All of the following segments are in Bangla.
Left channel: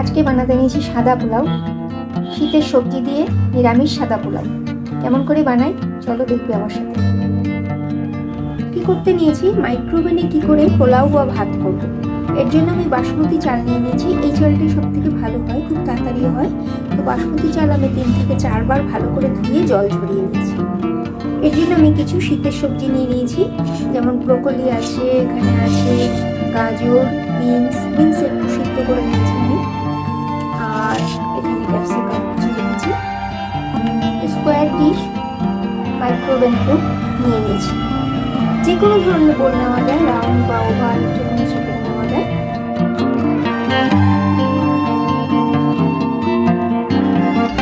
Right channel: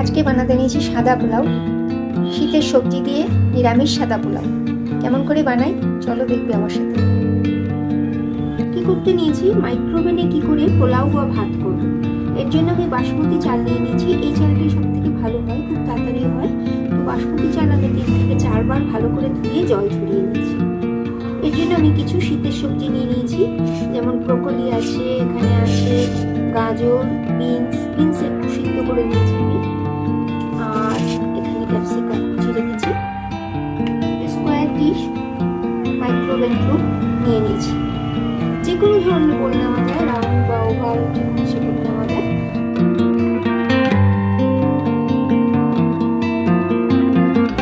আজকে বানাতে নিয়েছি সাদা পোলাও, শীতের সবজি দিয়ে নিরামিষ সাদা পোলাও। কেমন করে বানাই চলো দেখবে আমার সাথে। কি করতে নিয়েছি, মাইক্রোওভেনে কি করে পোলাও বা ভাত করব। এর জন্য আমি বাসমতি চাল নিয়ে নিয়েছি। এই চালটি সব থেকে ভালো হয়, খুব তাড়াতাড়ি হয়। তো বাসমতি চাল আমি 3 থেকে 4 বার ভালো করে ধুয়ে জল ঝরিয়ে নিয়েছি। এর জন্য আমি কিছু শীতের সবজি নিয়ে নিয়েছি, যেমন ব্রোকলি আছে, এখানে আছে গাজর, বিনস একটু সিদ্ধ করে নিয়েছি আমি, আর এখানে ক্যাপসিকাম কুচি রেখেছি। স্কোয়ার ডিশ মাইক্রোওভেন প্রুফ নিয়ে নিয়েছি। যে কোনো ধরনের বোল নেওয়া যায়, রাউন্ড বা ওভাল, সেটা নেওয়া যায়।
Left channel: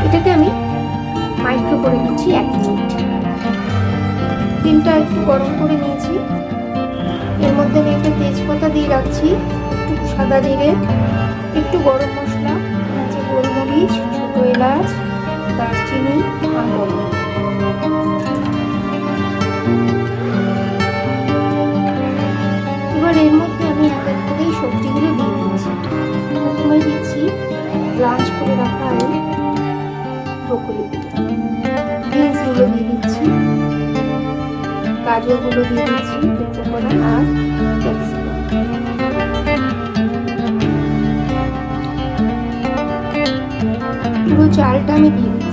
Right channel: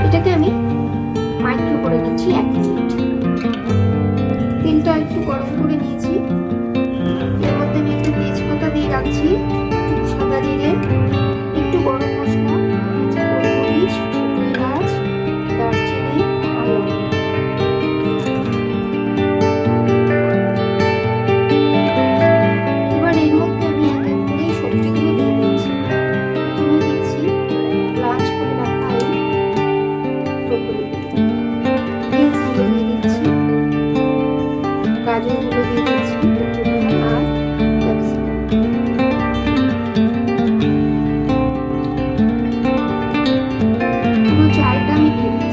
এটাকে আমি মাইক্রো করে নিচ্ছি 1 মিনিট। তেলটা একটু গরম করে নিয়েছি। এর মধ্যে আমি একটা তেজপাতা দিয়ে রাখছি, একটু সাদা জিরে, একটু গরম মশলা, গোলমরিচ, ছোট এলাচ, দারচিনি আর লবঙ্গ। এবার এর মধ্যে আমি এক এক করে সবজিগুলো দিয়ে দিচ্ছি। প্রথমে দিচ্ছি ব্লাঞ্চ করে রাখা এই ব্রোকলি, বিনসগুলো দিয়ে দিচ্ছি, গাজরগুলো দিয়ে দিচ্ছি একটু করে, আর ক্যাপসিকাম। পুরো চালটা আমি দিয়ে দিচ্ছি।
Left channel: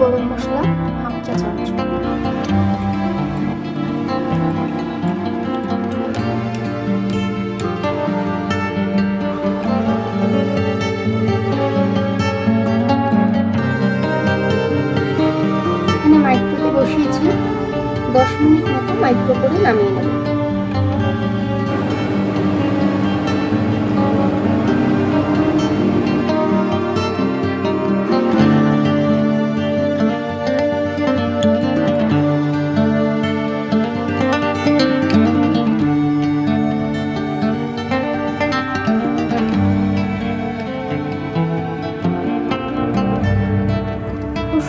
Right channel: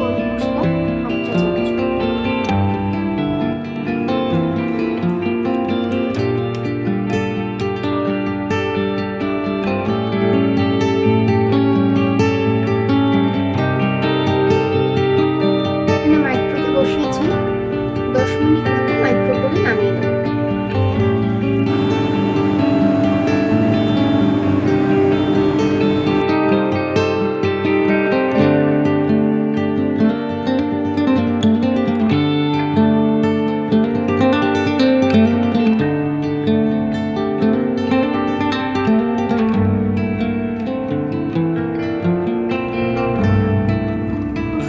গরম মশলা 1/2 চা চামচ, এখানে মাইক্রোতে বসিয়েছি। 10 মিনিট মতো মাইক্রো করে নামিয়ে নেব।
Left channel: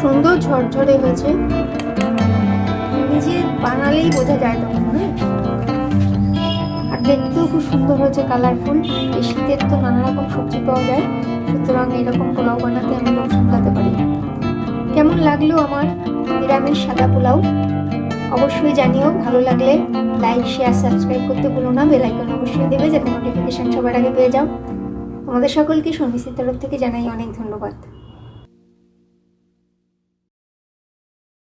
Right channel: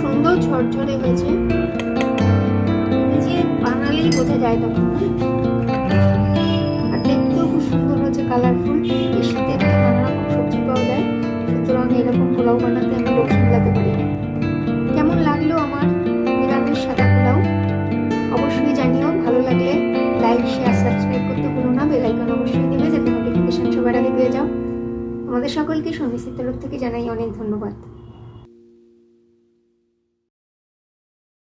সুন্দর ঝরঝরে হয়েছে, নিজে বানালেই বোঝা যায় তখন। আর দেখতেও খুব সুন্দর হয়েছে, কালারফুল। এই শীতের তো নানা রকম সবজি পাওয়া যায়, সুতরাং এরকম পোলাও বানাতে আমি লোক সামলাতে পারি। কেমন লাগলো আমার নিরামিষ সাদা পোলাও অবশ্যই জানিও। ভালো লাগলে লাইক, শেয়ার, সাবস্ক্রাইব করতে ভুলো না। বেল আইকন অবশ্যই দেবে, যাতে নোটিফিকেশন সবার আগে পেয়ে যাও। তোমাদের সকলকে সন্ন্যাসীর তরফ থেকে জানাই অনেক ধন্যবাদ।